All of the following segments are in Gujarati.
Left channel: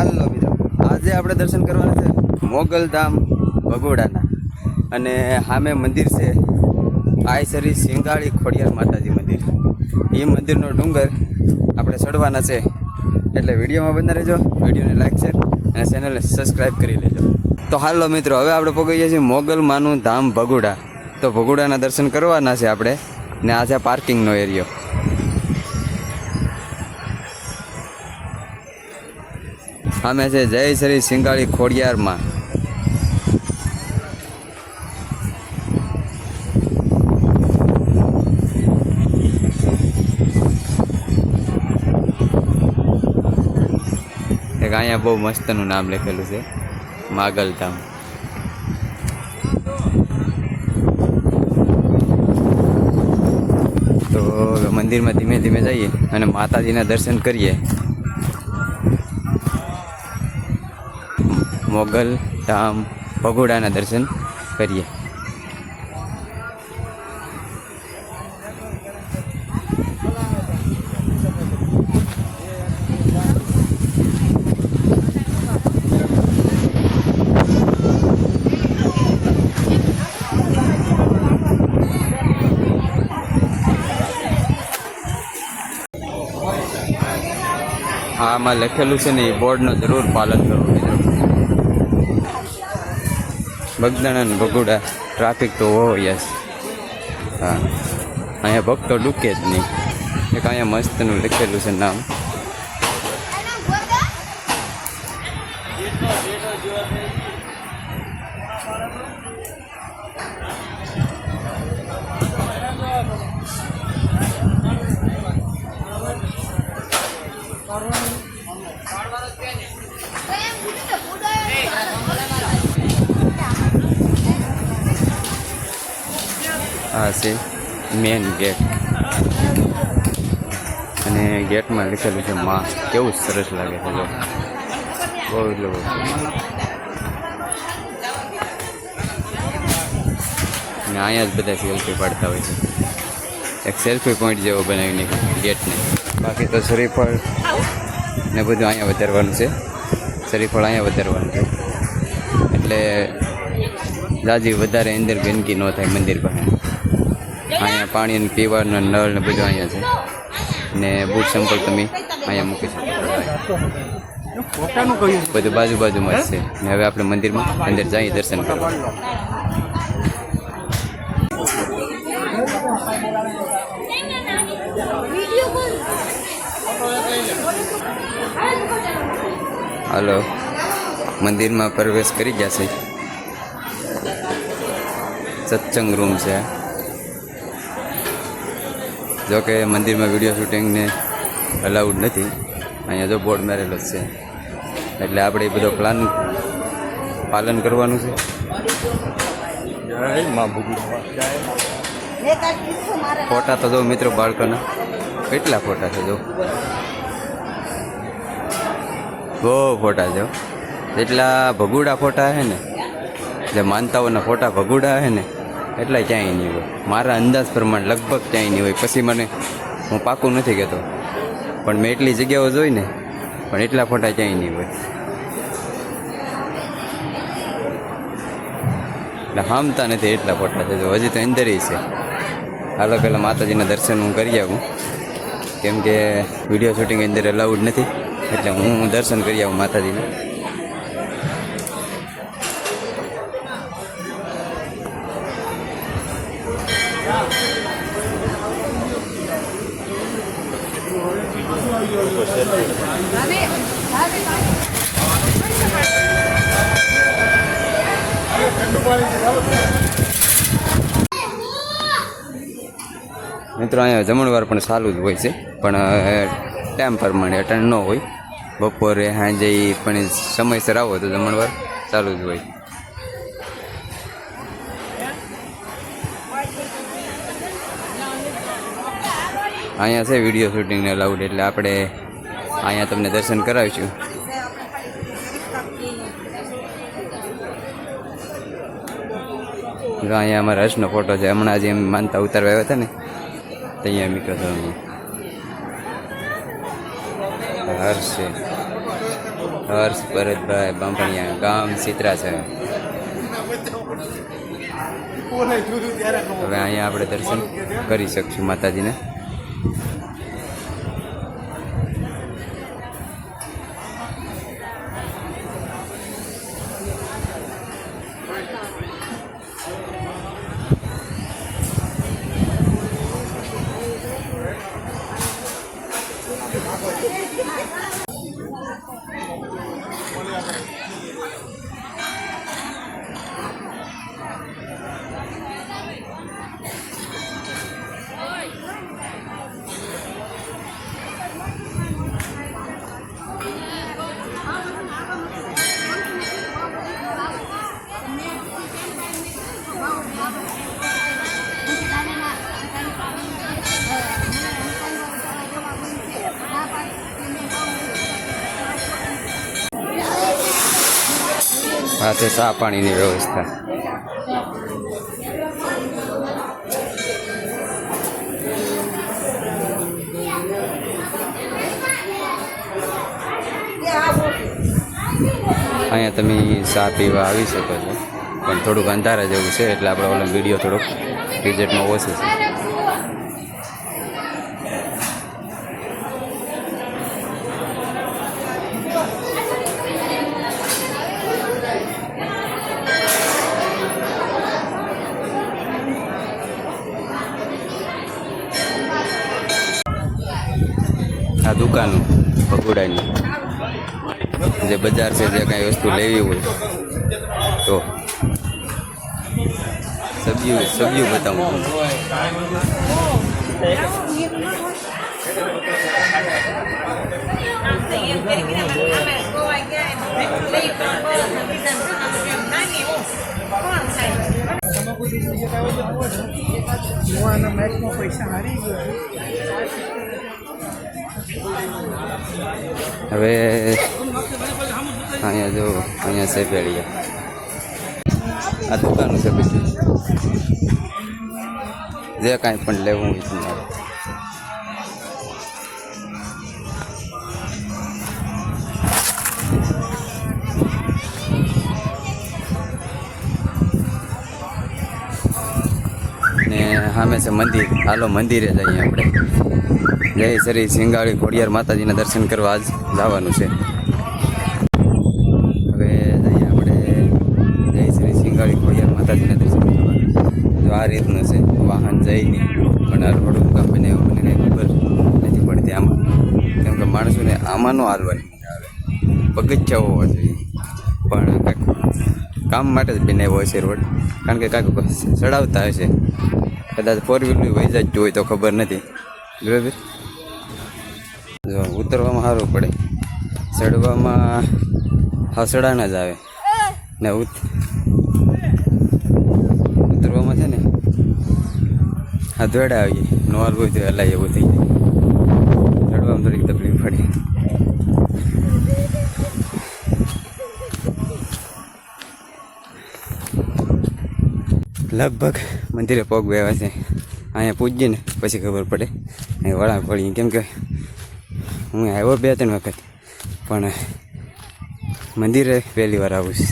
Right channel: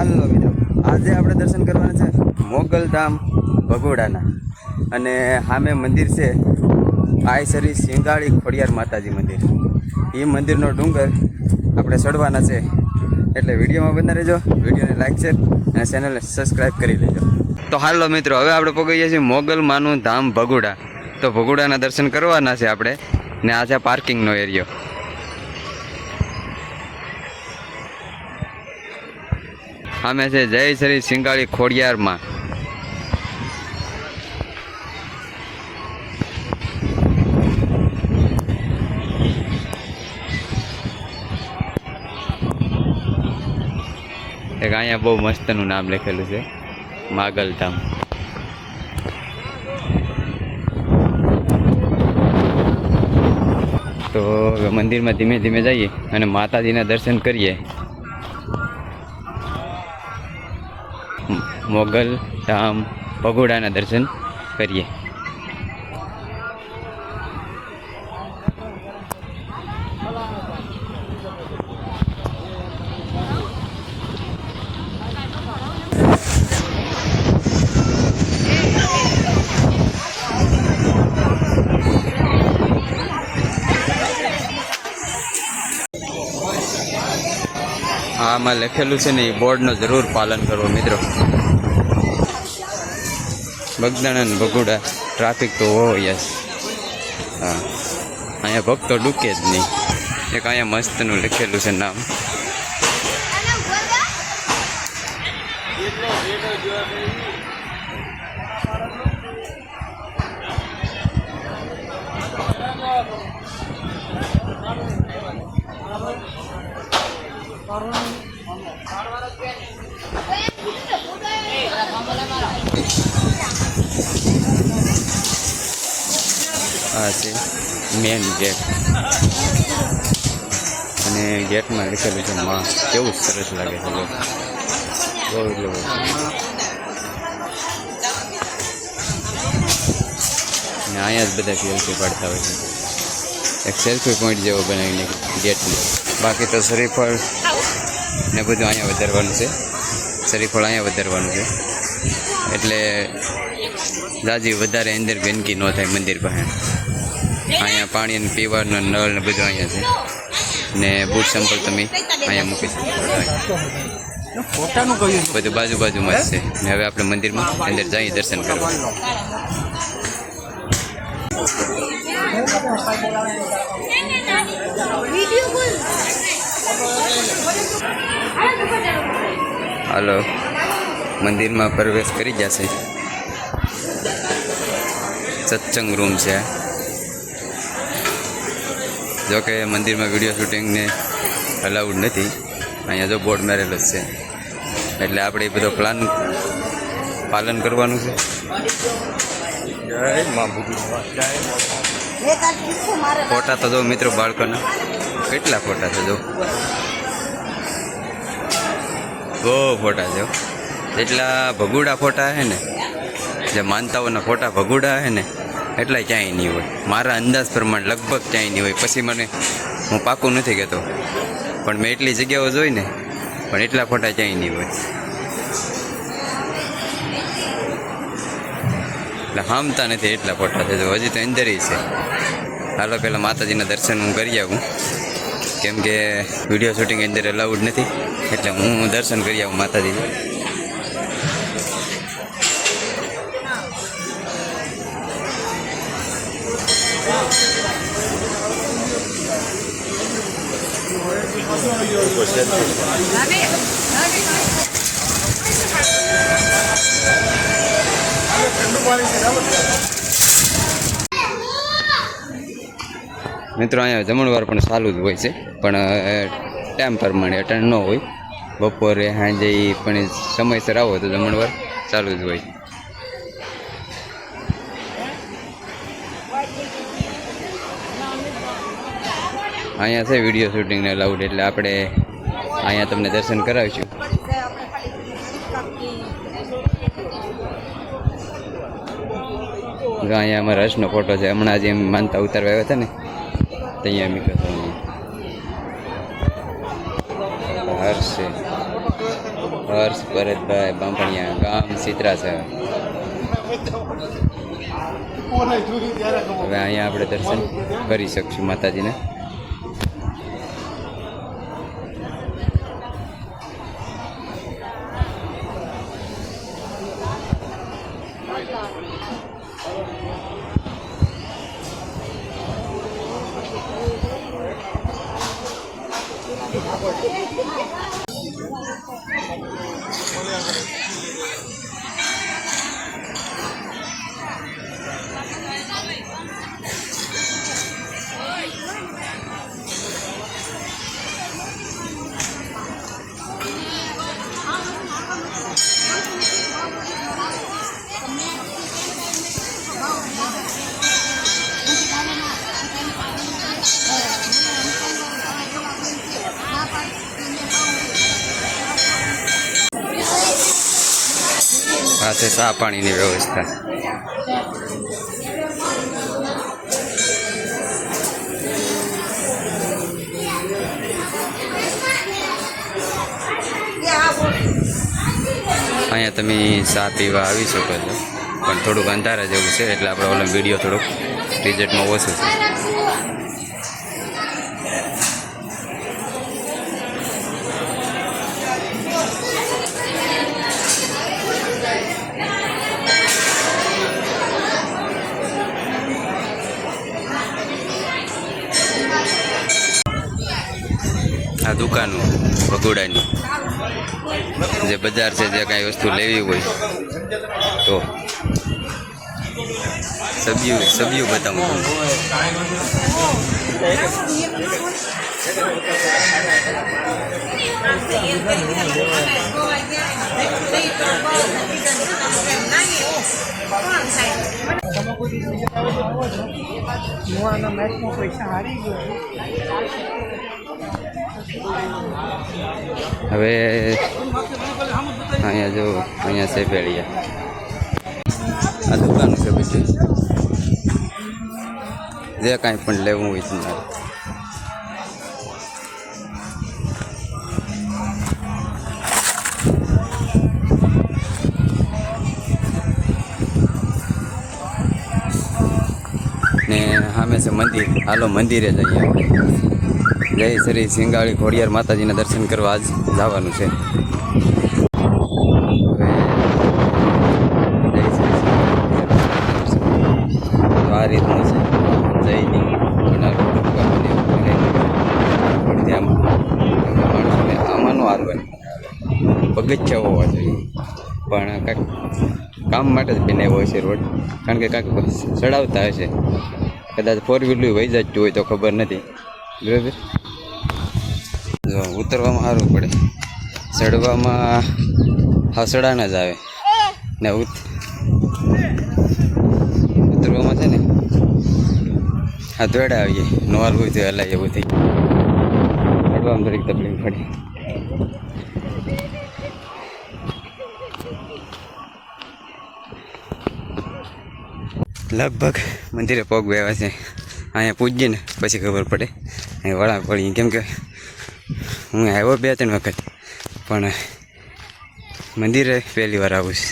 હાલો મિત્રો, આજે આપણે દર્શન કરવાના છે મોગલધામ ભગોડાના. અને સામે મંદિર છે આયસરી સિંગાળી ખોડિયાર માતાજી મંદિર. એ મંદિરનો ડુંગર આપણે ચડવાના છે, એટલે વિડીયોમાં બના રહેજો. વિડીયોને લાઈક શેર અને ચેનલને સબસ્ક્રાઈબ કરી લેજો. તો હાલો મિત્રો, હવે આપણે પહોંચી ગયા છીએ મોગલમાનું ધામ ભગોડા. તો ભગોડાના દર્શન કરવાના છે આપણે, ને આ છે પાર્કિંગનો એરિયો. સામે છે જય શ્રી સિંગાળી ખોડિયારમાં. એક અહીંયા બહુ મસ્તનું નામ લખેલું છે, માગલધામ. તો મંદિરમાં ધીમે ધીમે જઈએ અને માતાજીના દર્શન કરીએ. મોગલધામ ભગોડાના દર્શન કરીએ. આમાં લખેલું છે ને, એ બોર્ડનું જરૂર પાલન કરવું મિત્રો. બગદાણા ભગોડા ટ્રાફિક તો હોય જ. હા, અહીંયા ભક્તો ડૂકે જ નહીં. એક અહીંયા મસ્તનું લખેલું છે નામ. આ છે મેન ગેટ, અને ગેટમાં લખેલું છે માં. કેવું સરસ લાગે છે જો, બહુ એટલે બહુ. અને અહીંયા જ બધા સેલ્ફી પાડતા હોય છે. એક સેલ્ફી પોઈન્ટ જેવો બનાવીને ગેટને. બાકી તો શરીફળ ને બધું અહીંયા વધારવાનું છે. શરીફળ અહીંયા વધારવાનું છે, એટલે દાદી વધારે અંદર ગંદકી ન થાય મંદિર પાસે. અહીંયા પાણી પીવાનું નળ ને બધું અહીંયા છે, ને બૂટ સંપલ તમે અહીંયા મૂકી શકો. બધું બાજુ બાજુમાં જ છે. ને હવે આપણે મંદિરમાં અંદર જઈએ દર્શન કરવા. હાલો, મંદિરમાં પ્રવેશ કરી જશે. સત્સંગ રૂમ છે. જોકે મંદિરમાં વિડીયો શૂટિંગને અલાઉડ નથી. અહીંયા જો બોર્ડ મારેલો જ છે, એટલે આપણે એ બધો પાલન કરવાનું છે. ફોટા તો જો મિત્રો બાળકોના કેટલા ફોટા છે જો, બહુ ફોટા છે. જેટલા ભગોડા ફોટા છે ને, જે માનતાઓના ફોટા ભગોડા છે ને, એટલા ક્યાંય નહીં હોય. મારા અંદાજ પ્રમાણે લગભગ ક્યાંય નહીં હોય. પછી હું પાકું નથી કહેતો, પણ મેં એટલી જગ્યાઓ જોઈ ને, પણ એટલા ફોટા ક્યાંય નહીં હોય. એટલે હામતા નથી એટલા ફોટા છે. જો હજી તો અંદર છે. હાલો પહેલાં માતાજીના દર્શન હું કરી આવું, કેમ કે વિડીયો શૂટિંગ અંદર અલાઉડ નથી, એટલે હું દર્શન કરી આવું માતાજીને. મિત્રો અહીંયા જમણવાર પણ ચાલુ જ હોય છે, પણ ટાઈમ પ્રમાણે અટેન્ડ ન હોય. બપોરે સાંજે પણ સમયસર આવો તો જમણવાર ચાલુ જ હોય. અહીંયા છે વિડીયો શૂટિંગને અલાઉડ, એટલે આપણે અહીંયા તમને દર્શન કરાવીશું. જો અહીંયા અમારા હર્ષનો ફોટો છે. હમણાં જે માનતા ઉતારવા આવ્યા હતા ને, ત્યાં મીકો હર્ષ છે. હર્ષ ભરતભાઈ બાંભણિયા, ગામ સિત્રા છે. હવે અહીંયા આપણે દર્શન કરી શકશું માતાજીને. આ છે ચા પાણીની વ્યવસ્થા. અહીંયા તમે ચા પીવા આવી શકો છો, પણ થોડુંક અંધારા જેવું છે એટલે આપણે ઓલો વિડીયો થોડુંક રિઝલ્ટમાં ઓછું છે. આ દુકાનો ભગોડાની જે બજાર છે, જે કાંઈ વસ્તુ લેવી હોય તો સબ્યું બતાવું તમને. હવે અહીંયા જો અહીંયા છે પેળિયા. આ દુકાનો છે બધું, જે કાંઈ પણ લેવું હોય તમારે. ને સામે છે મંદિર. હાલો મંદિરે જઈએ આપણે. જય શ્રી સિંગાળી ખોડિયાર માતાજીના દર્શન કરવા આજ જવાનું છે. હવે જય શ્રી સિંગાળી ખોડિયાર માતાજીના દર્શન તો આ રીતનું છે. વાહન જઈને પણ આ રોડ ઉપર પડતી આમાં, કેમ કે માણસોને આમાં ન હાલવાની આવે, પગથિયા હોવા જોઈએ. પણ કાંઈક કામ માટે જ બનાવ્યો હશે રોડ, કારણ કે કાંઈક ચડાવતા હશે. કદાચ ફોર વ્હીલર વહી જતું હોય તો ખબર નથી. બરાબર, જો ઉતરવામાં સારું પડે, ચડવામાં હસડાના જ આવે ને. ઉતરવામાં છે ને હા દોડા આવીએ, નોર હોય તો હલાય એવું થઈ. ચડવામાં થોડીક તકલીફ પડે. લગભગ મંદિરે પગ બેવા છે. અહીંયા પૂજીએ ને પછી ખબર પડે અહીં વળાંક પડી. કેમ કે હું આવ્યો 2-3 વખત, પણ મંદિરે પહેલી વાર આવું છું.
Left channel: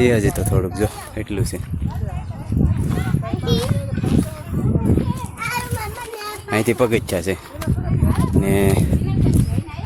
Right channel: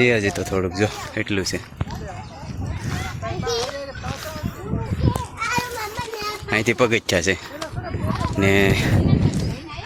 હજી તો થોડુંક જો એટલું છે. અહીંથી પગથિયા છે ને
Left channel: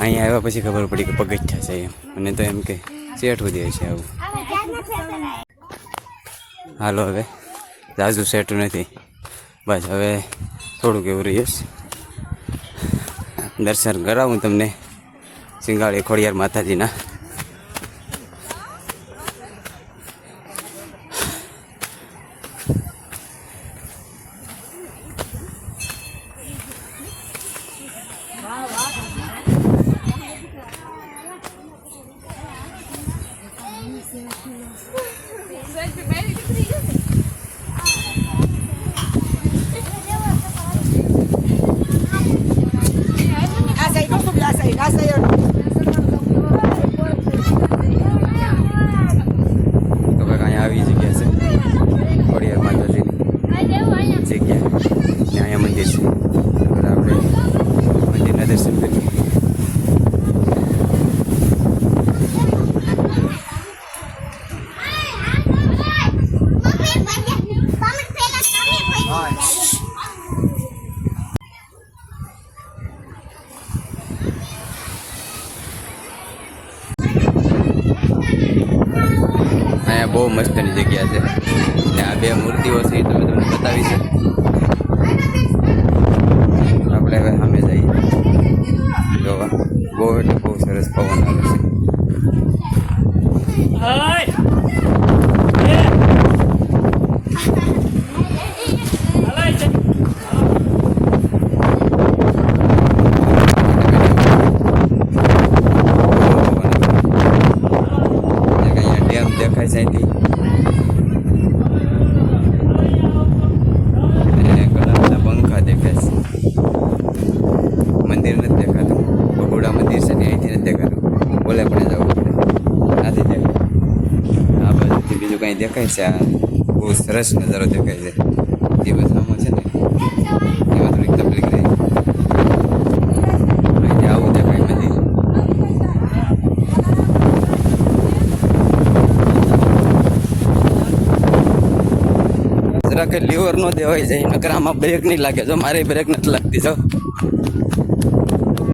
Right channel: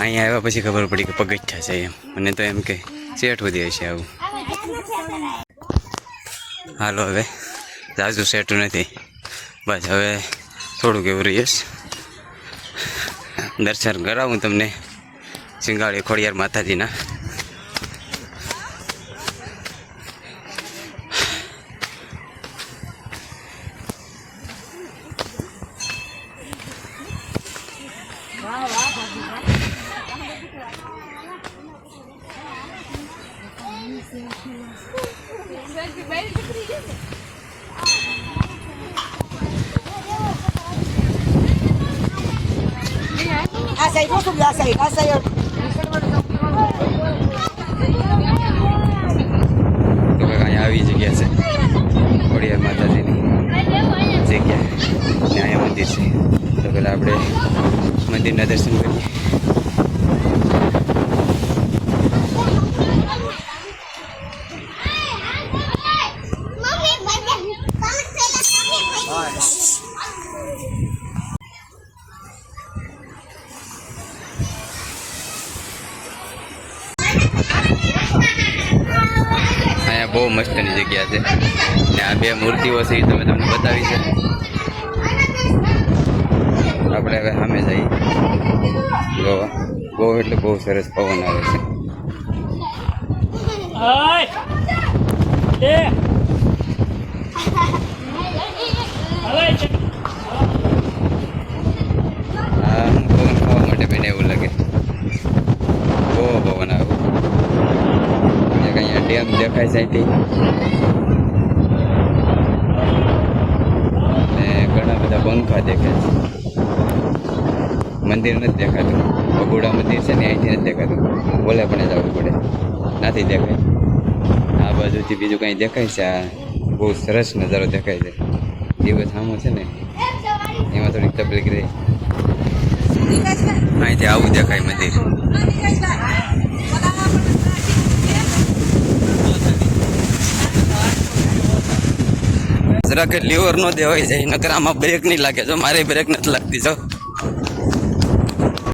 અહીંયા આવ્યા પછી ખબર પડી કે પગથિયા છે એમ. મને તો એમ કે સેટ સુધી હશે આવું. હાલો હવે જાજુ સેટું નથી, બસ હવે થોડુંક એવું રહીશ. દર્શન કરાવું તમને સિંગાળી ખોડિયાર માતાજીના. તો કંઈક અહીંયા આવી જગ્યા છે ખોડિયાર માતાજીની. જગ્યા ને અહીંયા મંદિર છે. તો પહેલાં આપણે મંદિરના દર્શન કરીએ. અહીંયા બહુ મસ્તની જગ્યા છે ને આ બે મૂર્તિઓ છે એ તમે તમને બતાવી છે. આપણે હવે સામે જઈએ જોવા. બહુ એટલે બહુ સરસ પવન આવે છે. ડેમ દેખાય છે અહીંથી ને ઘણા બધા પંખા દેખાય છે. મંદિર નથી દેખાતું. બગોડા મંદિર છે ને અહીંથી નથી દેખાતું. બોલે પણ જવું પડે, નથી દેખાય. આ બાજુથી બીજું કંઈ દેખાય છે. આ બહુ સરસ નજારો દેખાય છે. દિવસ આમો છે ને એમાં થોડીક તકલીફ રહી. અહીંથી આવું દેખાય મંદિર. જરાક લીવર નો દેવાય જાય નકર આમાં બ્રેક નહીં લાગે. જો મારે બ્રેક નથી લાગતી. જો